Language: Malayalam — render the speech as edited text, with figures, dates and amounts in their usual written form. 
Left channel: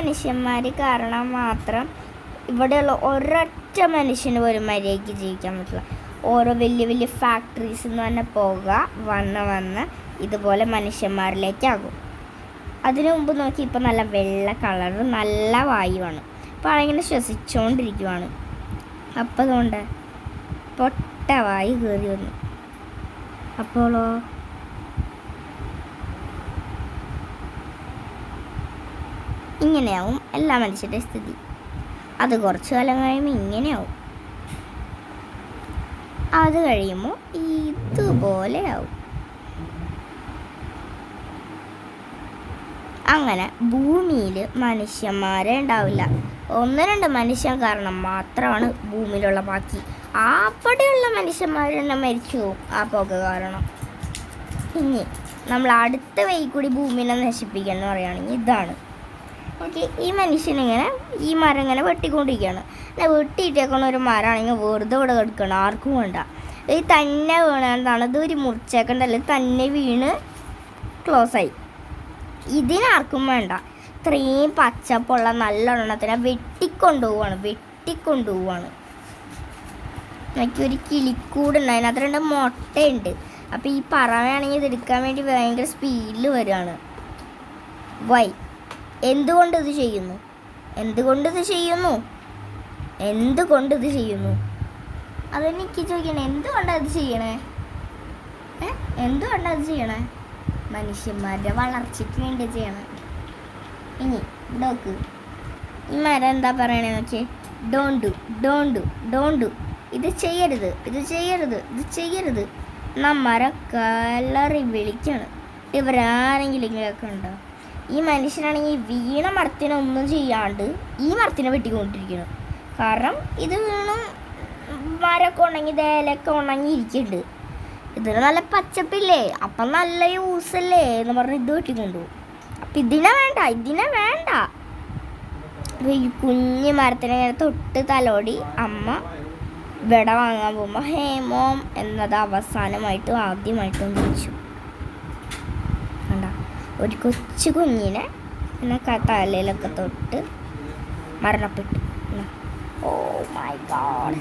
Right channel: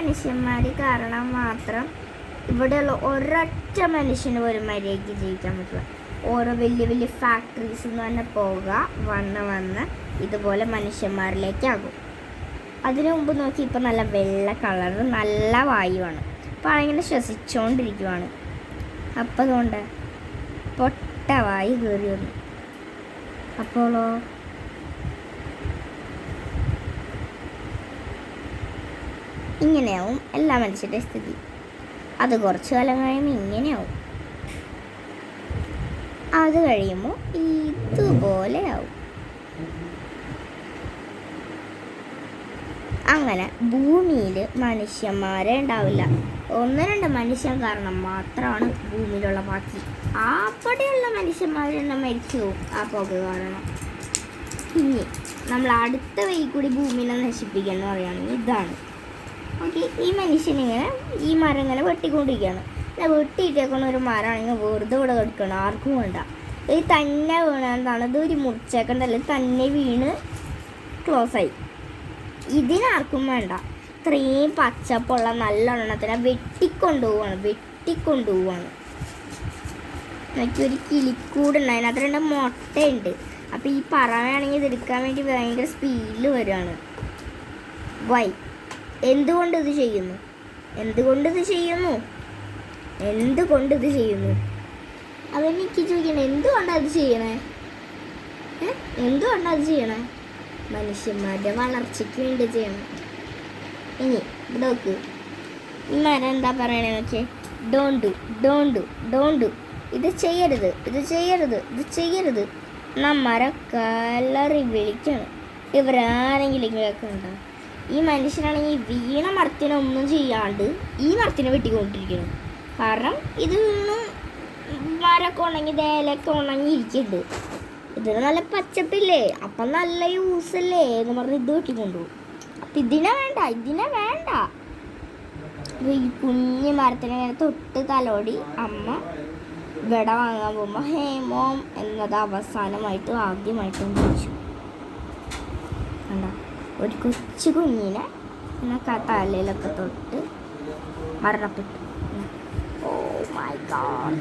മനുഷ്യന്മാർ കാരണം മാത്രം ഇവിടെയുള്ള ഒരൊറ്റ മനുഷ്യന് പോലും മര്യാദയ്ക്ക് ജീവിക്കാൻ പറ്റില്ല. ഓരോ വലിയ വലിയ ഫാക്ടറീസ് എന്ന് തന്നെ പോവുക വന്ന് ഇതുപോലെ മനുഷ്യന്മാരിലേക്കാകും. അതിനു മുമ്പ് നോക്കി ഇപ്പോൾ നല്ല വെള്ള കളറ് നല്ല വായുവാണ്. അപ്പോൾ അതിങ്ങനെ ശ്വസിച്ചുകൊണ്ടിരിക്കുവാണ്. അപ്പോൾ അതുകൊണ്ട് പൊട്ട വായു കയറി വന്നു. അപ്പോളോ ഇങ്ങനെയാവും എല്ലാ മനുഷ്യരുടെ സ്ഥിതി. അത് കുറച്ച് കാലം കഴിയുമ്പോൾ ഇങ്ങനെയാവും. അത് കഴിയുമ്പോൾ ഇതുപോലെയാവും. അങ്ങനെ ഭൂമിയിൽ മനുഷ്യന്മാരെ ഉണ്ടാവില്ല. 1-2 മനുഷ്യൻ കാരണം മാത്രമാണ് ഭൂമിയിലുള്ള ബാക്കി. അവിടെയുള്ള മനുഷ്യന്മാരെല്ലാം മരിച്ചു പോകും ആ പുക കാരണം. ഇനി നമ്മൾ അടുത്ത വഴി കൂടി ഭൂമിനെ നശിപ്പിക്കുക എന്ന് പറയുകയാണെങ്കിൽ ഇതാണ്. ഓക്കെ, ഈ മനുഷ്യനിങ്ങനെ ഈ മരം ഇങ്ങനെ വെട്ടിക്കൊണ്ടിരിക്കുകയാണ്. വെട്ടിയിട്ടേക്കുന്ന ഒരു മരമാണെങ്കിൽ വെറുതെ ഇവിടെ കിടക്കണം, ആർക്കും വേണ്ട. ഇത് തന്നെ വീണതാണ്. ഇതൊരു മുറിച്ചേക്കണ്ടല്ലേ, തന്നെ വീണ് ക്ലോസായി. ഇതിനാർക്കും വേണ്ട. ഇത്രയും പച്ചപ്പുള്ള നല്ല എണ്ണത്തിനെ വെട്ടിക്കൊണ്ടുപോവാണ്. എനിക്കൊരു കിളിക്കൂടുണ്ട്, അതിനകത്ത് 2 മുട്ടയുണ്ട്. അപ്പോൾ ഈ പറവയാണെങ്കിൽ ഇതെടുക്കാൻ വേണ്ടി ഭയങ്കര സ്പീഡിൽ വരികയാണ്. എന്തുകൊണ്ട് ഇത് ചെയ്യുന്നു? അതെനിക്ക് ചോദിക്കണേ. എന്തുകൊണ്ടത് ചെയ്യണേ? മനുഷ്യന്മാരുടെ വളർച്ചയ്ക്ക് വേണ്ടി ചെയ്യണം. ഇനി നോക്ക്, ഈ മരം എന്താ പറയണേ നോക്കിയേ. ഡോണ്ട് ഇത് ചെയ്യരുത്. നമ്മരെ കലറി വിളിക്കണം. ഇവരാരെങ്കിലും കേൾക്കണ്ടോ? ഈ മനുഷ്യനാണെങ്കിൽ വീണ മരത്തിനെ ഒന്നും ചെയ്യാണ്ട് ഈ മരത്തിനെ വെട്ടിക്കൊണ്ടിരിക്കണം. കാരണം ഇത് വീണ് മരമൊക്കെ ഉണങ്ങി ദേലൊക്കെ ഉണങ്ങിയിരിക്കുന്നുണ്ട്. ഇതിന് നല്ല പച്ചപ്പില്ലേ, അപ്പം നല്ല യൂസല്ലേ എന്ന് പറഞ്ഞ് ഇത് വെട്ടിക്കൊണ്ടുപോകും. അപ്പം ഇതിനെ വേണ്ട. ഈ കുഞ്ഞു മരത്തിനെ തൊട്ട് തലോടി അമ്മ വെട വാങ്ങാൻ പോകുമ്പോൾ ഹേമോം എന്നത് ആദ്യമായിട്ടും വിളിച്ചു. കണ്ട, ഒരു കൊച്ചു കുഞ്ഞിനെ തലയിലൊക്കെ തൊട്ട് മരണപ്പെട്ടു. Oh my God.